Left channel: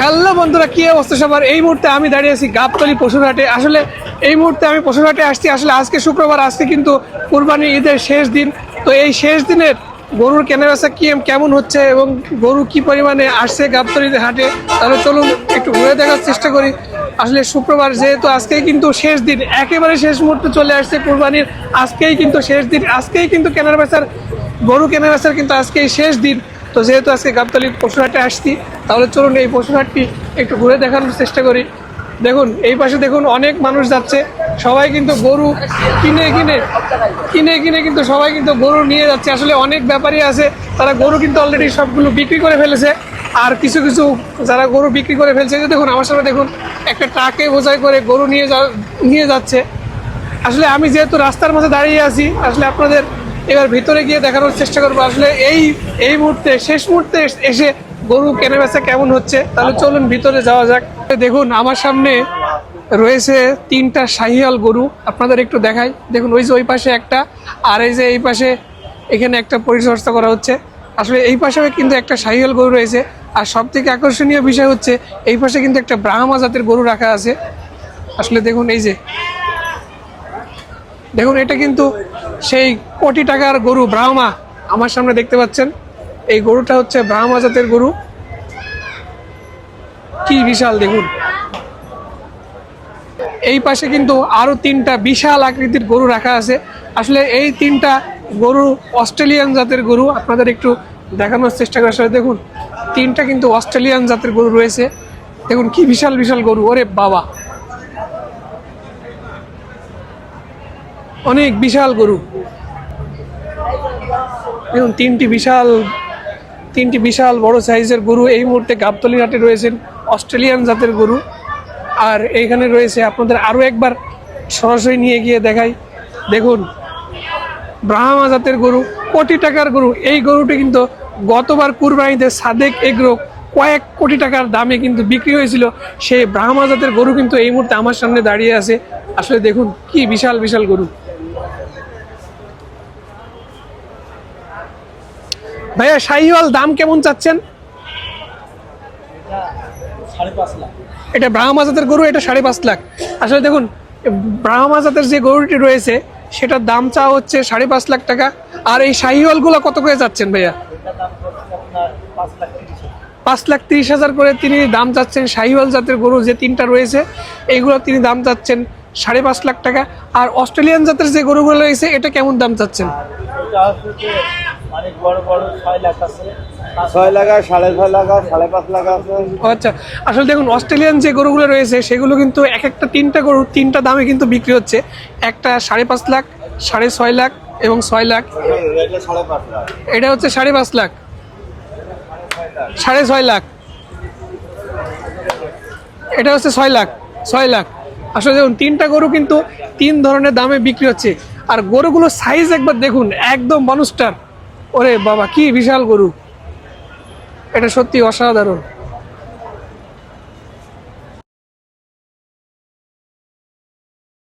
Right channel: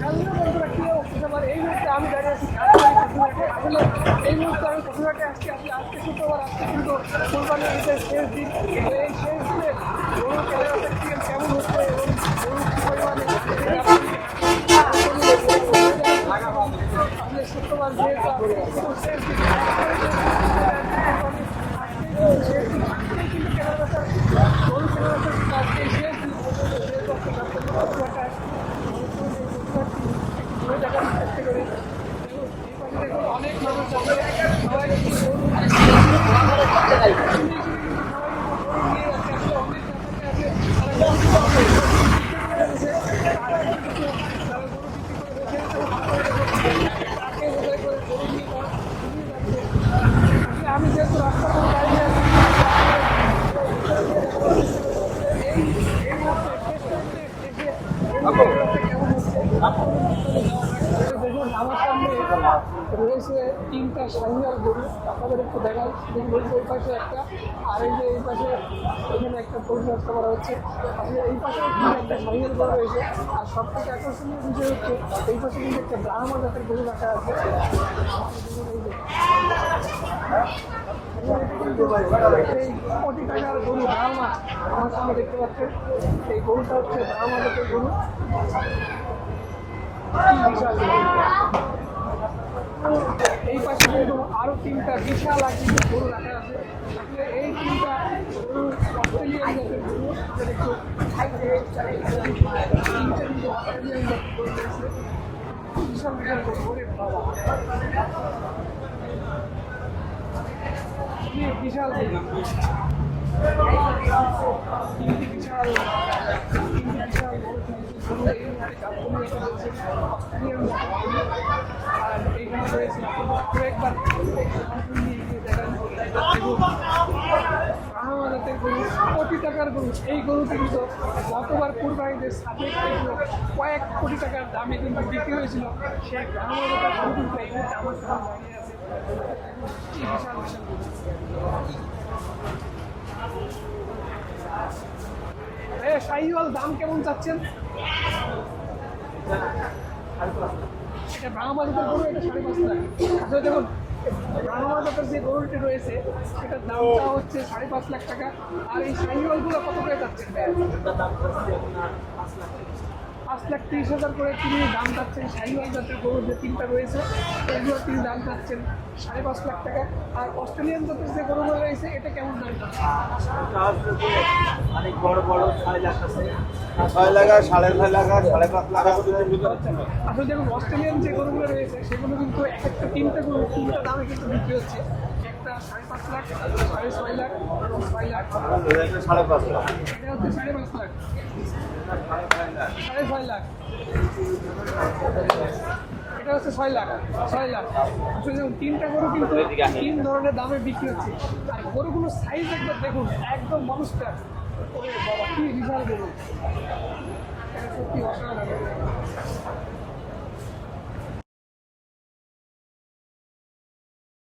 Hello বন্ধুরা, কি অবস্থা সবার? এই মুহূর্তে আমি দাঁড়িয়ে আছি গাবতলী পশুরহাটে। আসলে এই মুহূর্তে আমি পশুরহাটে আসছি। আসলে আজকে শুক্রবার, আজকে কিন্তু কুরবানি ঈদের শেষ দিন। তো এই শেষ দিনের গরুর কেনাবেচা কেমন হচ্ছে এবং গরু কি পরিমাণে আসছে গাবতলীর হাটে, তাহলে চলুন একটু ঘুরে দেখার চেষ্টা করি। আসলে শুক্রবার যেহেতু আজকেই কিন্তু শেষ দিন, একেবারে শেষ মুহূর্তে চলে আসছে কুরবানির। আজকেই কিন্তু শেষ দিন, আজকেই কিন্তু গরু কেনাবেচার কিন্তু আজকেই শেষ দিন। তো যেহেতু আজকে গাবতলী পশুরহাটে আসছি, তাহলে চলুন এই পশুরহাটটি একটু ঘুরে দেখানোর চেষ্টা করি। দেখুন এই পাশে দেখুন অনেক মানুষ যাচ্ছে, সবাই কিন্তু গরু কিনে কিনে কিন্তু সবাই কিন্তু গরু নিয়ে যাচ্ছে। আসলে অনেক ব্যাপারী আছে, তারা গরু কিন্তু অলরেডি সবগুলো বিক্রি করে ফেলেছে। আর কিছু কিছু যারা গরু বিক্রি করে ফেলছে, যে দেখুন আমার সামনে দেখুন একটা ট্রাকে বোঝাই করে গরু নিয়ে যাচ্ছে। আসলে আমি যেহেতু রাস্তার মাঝে দাঁড়িয়ে আছি, আসলে আপনাদের এবার ভিতরে গিয়ে দেখানোর চেষ্টা করবো আসলে এই মুহূর্তে শেষ মুহূর্তে এসে গরু কেনাবেচা কেমন হচ্ছে। তাহলে চলুন ভিতরে যাওয়া যাক। দেখুন আমার সামনে রয়েছে 3টা শাহিওয়াল গরু, আপনাদের একটু দেখাই। দেখুন ওই যে ওই পাশে একটা, আর এই যে এই পাশে এখানে একটা পরিচর্যা করা হচ্ছে। আসলে এই পাশেও কিন্তু একটা শাহিওয়াল গরু রয়েছে। আর সব থেকে আকর্ষণীয় বিষয় হচ্ছে এই পাশে কিন্তু একটা ব্রাহ্মা জাতের গরু রাখা আছে। আসলে দেখুন এই যে দেখুন এটা কিন্তু সেই কোটি টাকার গরু ব্রাহ্মা আমার সামনে দেখতে পাচ্ছেন। এই গরুটা হচ্ছে ব্রাহ্মা জাতের গরু, কি বিশাল দেখুন। এই পাশে কিন্তু আরো 3টা বিশাল আকৃতির গরু রাখা আছে। আসলে এই 3টা গরু অস্ট্রেলিয়ান জাতের গরু, আপনাদের একটু দেখানোর চেষ্টা করার সাথে দেখুন 3টা কিন্তু অস্ট্রেলিয়ান জাতের গরু রয়েছে। দেখুন কি বিশাল বিশাল গরু, ওরে বাবা, অনেক বিশাল গরু। দেখুন তিনটি বিশাল বড় সাইজের গরু এই মুহূর্তে গাবতলীর হাটে রয়েছেন, অস্ট্রেলিয়ান জাতের গরু। আর এইখানে রয়েছে, আপনাদের আরও একবার সরাসরি নিয়ে গিয়ে দেখাই। দেখুন ব্রাহ্মা জাতের গরু, কোটি টাকার গরু। এই গরুটি কিন্তু গতবার কুরবানিতে সাদেক এগ্রো কয়েক কোটি টাকার দামে কিন্তু বিক্রি হয়েছিল। সেই ব্রাহ্মা জাতের গরু কিন্তু এই মুহূর্তে আমার সামনে দাঁড়িয়ে আছে। আসলে দেখুন কি বিশাল বিশাল গরু। ভাইয়া শাহিওয়াল দাম কেমন চাচ্ছেন? 5.5 লাখ। এটা ব্রাহ্মা জাতের গরু, এটা 5.5 লাখ। আসলে দেখুন ব্রাহ্মা জাতের যে গরুটি রয়েছে সেটার দাম চাওয়া হচ্ছে 5.5 লাখ টাকা। আর এই শাহিওয়ালগুলো কত করে যাচ্ছেন ভাইয়া? এটার দাম পড়ছে আপনার 5,30,000 করে তিনি দাম চাচ্ছেন। শাহিওয়াল জাতের গরু যে 3টা রয়েছে এইগুলো তিনি দাম চাচ্ছেন 5.5 লাখ টাকা। আর অস্ট্রেলিয়ান জাতের যে গরুগুলো রয়েছে এটা কেমন দাম চাচ্ছেন? অনেক বড় বড় 6 লাখ আছে, 6 লাখ, 6.5 লাখ, 5.5 লাখ আছে। আচ্ছা, আসলে দেখুন অস্ট্রেলিয়ান যে গরুগুলো রয়েছে সেগুলো কিন্তু এক একটা 3টা গরু 3টা দামে কিন্তু বিক্রি হচ্ছে। একটা 5.5 লাখ, 6.5 লাখ এবং 6 লাখ। এটা 5.5 লাখ। এটা হচ্ছে 5.5 লাখ, 6.5 লাখ। এটা হচ্ছে 6 লাখ। আসলে দেখুন 3টা গরু কিন্তু 3 ধরনের দামে বিক্রি হচ্ছে। আর গরুগুলোর সাইজ একবার দেখুন, একদম মনস্টার। ওরে বাবা কি বিশাল গরু, এটা সত্যি অসাধারণ।